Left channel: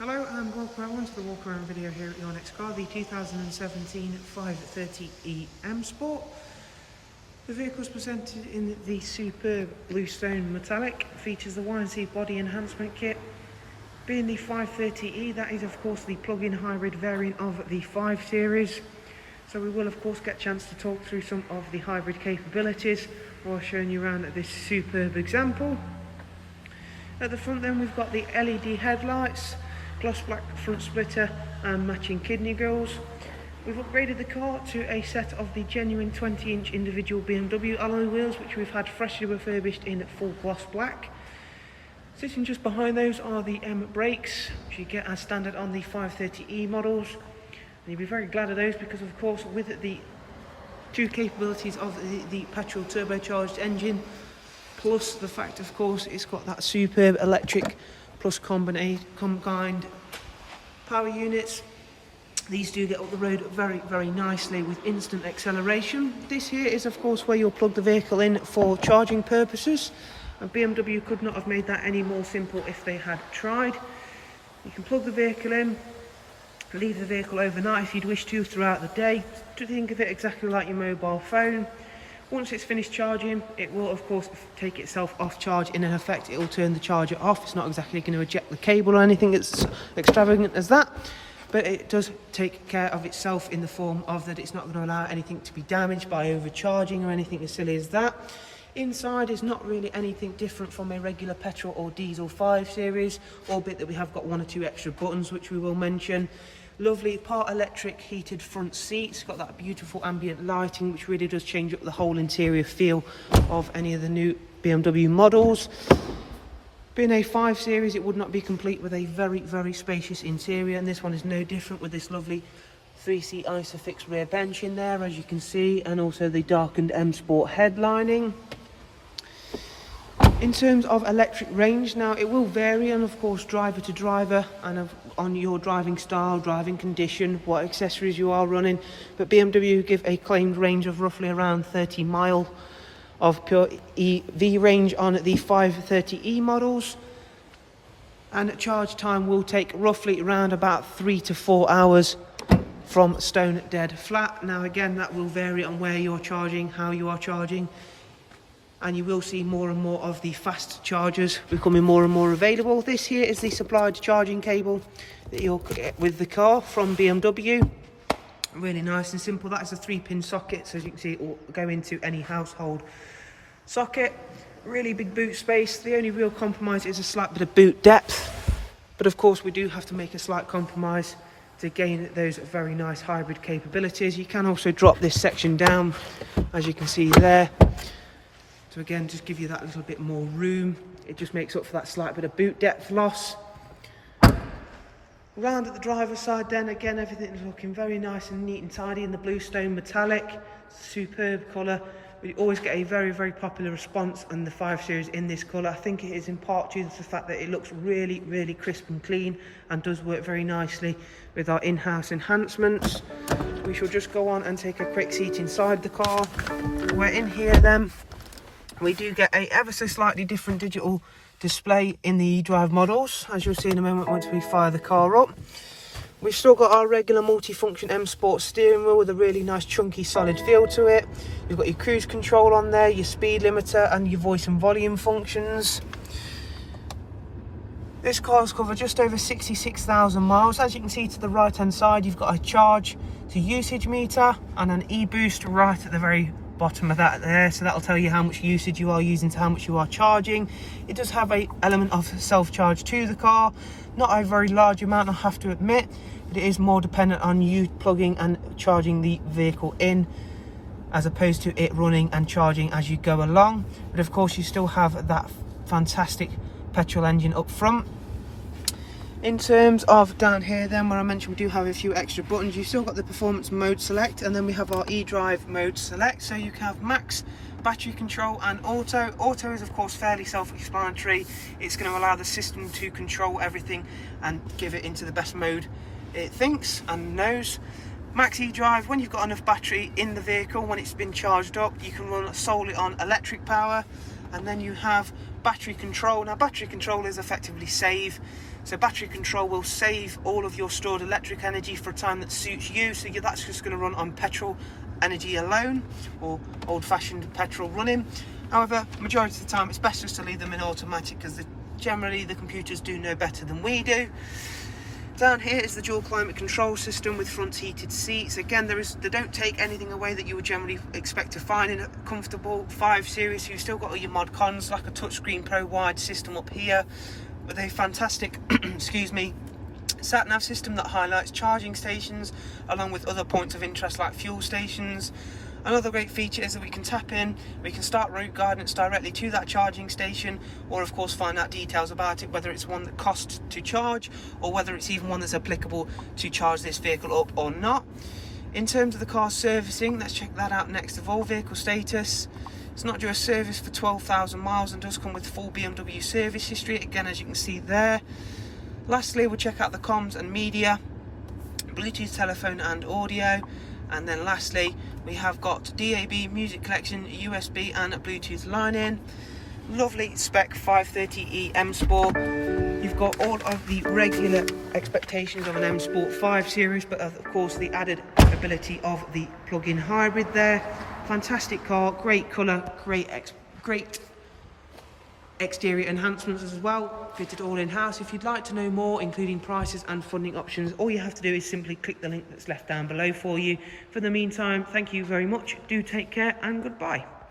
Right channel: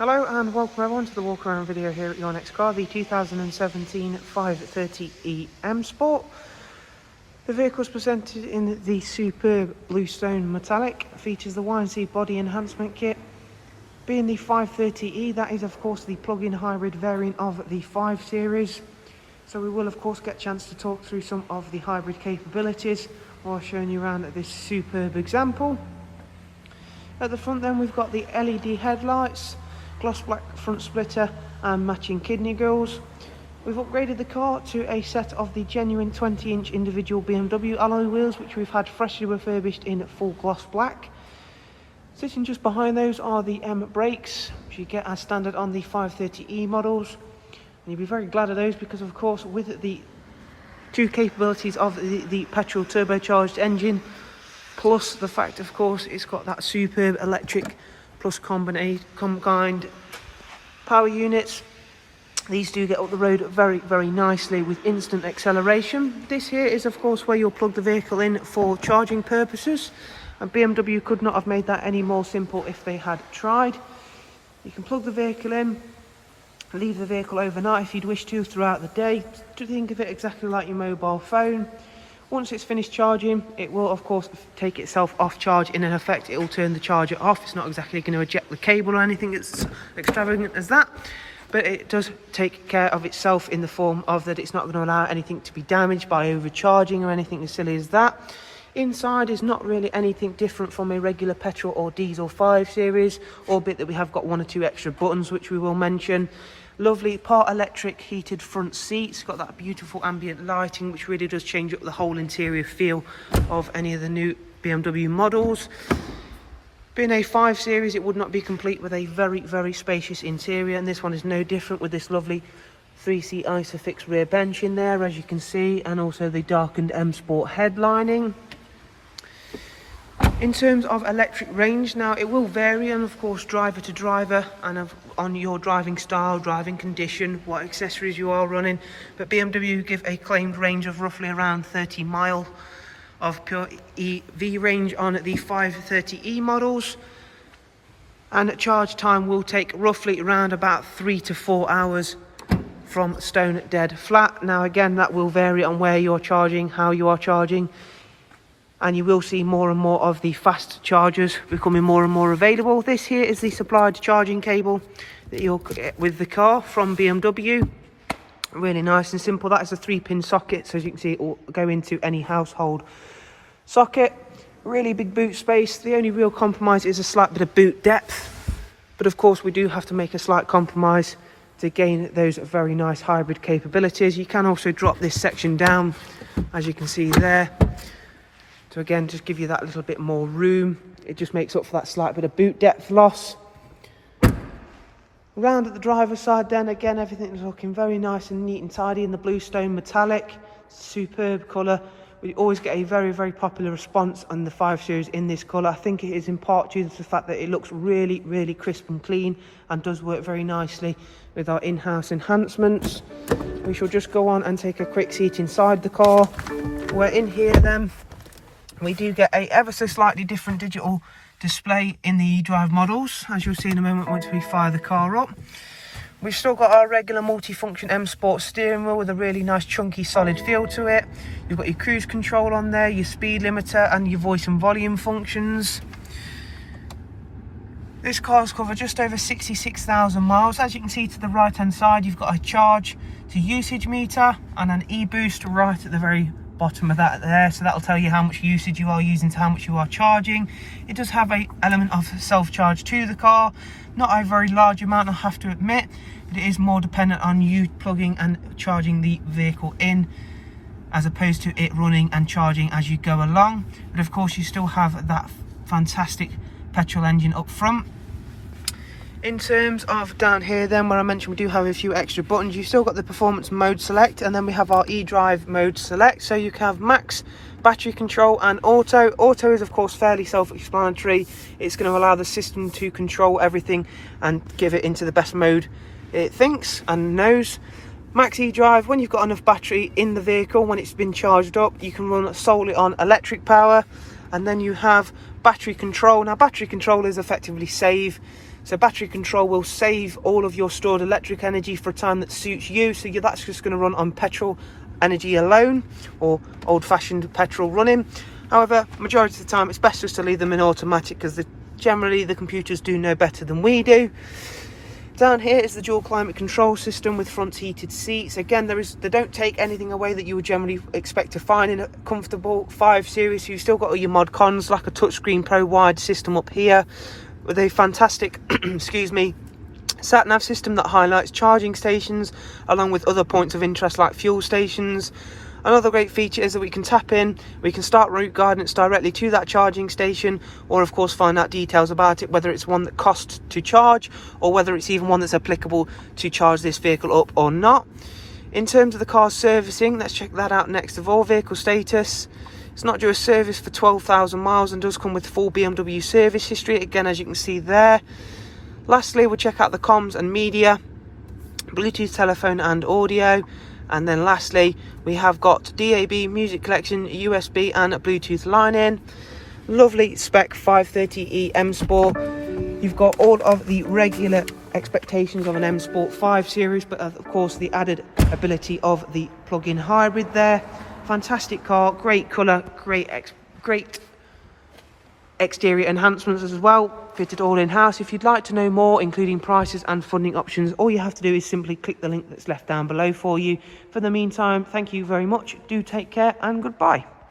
Hello and welcome everyone to the walk around video here at your next car, the 2017 530e M Sport. The vehicle is presented in the superb BlueStone metallic, features the Y&C body enhancement kit. Being the 530e, that is of course the plug-in hybrid variant of the 5 Series. So we will of course get a chance to talk through some of the hybrid capabilities while showing you around this superb example. At the front then we've got the LED headlights, gloss black front splitter and matching kidney grills. We've upgraded the car to a set of the genuine 20-inch individual BMW alloy wheels, which we've had freshly refurbished in full gloss black. Sitting just behind those are the M brakes, which you get as standard on the 530e models. And you'll be very glad of those because of course with the two capabilities of the petrol turbocharged engine, plus the fact of course it's got that superb electric plus combined power units. These do get up the road very nicely with instant acceleration. This here is of course where you'll plug the vehicle in for charging purposes, and BMW could not have made that any more simple if they had tried. You can plug the vehicle in, leave the vehicle overnight if you'd wish to throughout the day, to think of it exactly like your mobile phone. Once it's finished charging, it will of course take itself off charge. In effect, it will turn the charger off. It's not exactly going to eject the cable or anything as extravagant as that, but it does take care of itself in the form of that it's not going to allow anything to be damaged by overcharging or anything as silly as that. Inside is not really anything different from a regular petrol or diesel 5 Series, albeit that we have got one or two extra buttons which we will mention. Lovely part electric heated front seats, got that beautiful ambient lighting which really does change up the whole interior feel of any of the new BMW models. Being a 5 Series, it would not be complete with a very spacious interior, and this one is no different with this lovely 3-seat Isofix rear bench in there, as you can see, and also the darkened M Sport headlining. In terms of electric range, now it will vary, and of course driver to driver and on your driving style, driving condition, what accessories you are running, but BMW give a claimed range of roughly around 30 mile of pure EV range on the 530e models, and charge time will take roughly around about 3 to 4 hours from stone dead flat. Now again, that will vary on where you're charging, how you are charging, and you will see more and more of the fast chargers becoming more and more available. This here is the supplied charging cable that you'll get with the car from BMW. Really nice and simple. That is a 3-pin socket, so as you can see it will go into any household socket. Really big boot space. The only real compromise is a slight bit of boot depth, but of course we do have to make a slight compromise to gain those very nice hybrid capabilities. You can also drop this section down, as you can see there, to again just give you that little bit more room. It just makes up for that slight bit of boot depth loss. Round at the driver's side then, again everything is looking very nice and neat and tidy in the BlueStone metallic. Superb colour. We always get a very popular response on the 5 Series in this colour. I think it is in part due to the fact that it looks really crisp and clean and does work very nicely with our in-house enhancements. We shall just go on and take a quick seat inside the car. We're in here then. We do get a ever so slightly different digital display in the eDrive models, as you'll see in a moment once we fire the car up. We've still got our regular multi-function M Sport steering wheel with a really nice chunky solid feel to it. You've got your cruise control on there, your speed limiter and your voice and volume functions. This car's covered just over 66,000 miles. As you can see to the right hand side, you've got a charge to usage meter and an e-boost right at the very bottom of that there, so that'll tell you how much usage you are using to how much you are charging. It does have an element of self-charge to the car, not a very large amount I have to admit, but it is more dependent on you plugging and charging the vehicle in as opposed to it running and charging as you go along. But of course you still have that fantastic petrol engine up front. In terms of down here then, where I mentioned we do have a few extra buttons, you've still got the performance mode select, and then we have our eDrive mode select. So you can have max, battery control and auto. Auto is of course fairly self-explanatory. It's going to allow the system to control everything and give it into the best mode it thinks and knows. Max eDrive, when you've got enough battery in the vehicle, when it's been charged up, you can run solely on electric power. And then you have battery control. Now battery control is effectively save. So battery control will save all of your stored electric energy for a time that suits you. So that's just going to run on petrol energy alone, or old-fashioned petrol running. However, majority of the time it's best just to leave them in automatic, because generally the computers do know better than we do. Down here is the dual climate control system with front heated seats. Again, they don't take anything away that you would generally expect to find in a comfortable 5 Series. So you've still got all your mod cons, like a touchscreen pro wide system up here with a fantastic excuse me, sat nav system that highlights charging stations along with other points of interest like fuel stations. Another great feature is that we can tap in, we can start route guidance directly to that charging station, or of course find out details about it, whether it's one that costs to charge or whether it's even one that's applicable to charge this vehicle up or not. In terms of the car's servicing, let's check that out next of all. Vehicle status. It's not due a service for 12,000 miles and does come with full BMW service history, again as you can see there. Lastly, we'll check out the comms and media, Bluetooth telephone and audio. And then lastly, we have got DAB, music collection, USB and a Bluetooth line in. Lovely spec 530e M Sport. You've got all of the regular expectations of an M Sport 5 Series, but of course the added ability of the plug-in hybrid there. Fantastic car, great colour, great exterior enhancements as well, fitted all in-house. If you'd like to know more, including prices and funding options, all you have to do is simply click the link that's left down below for you. For the meantime, thank you very much, do take care and goodbye.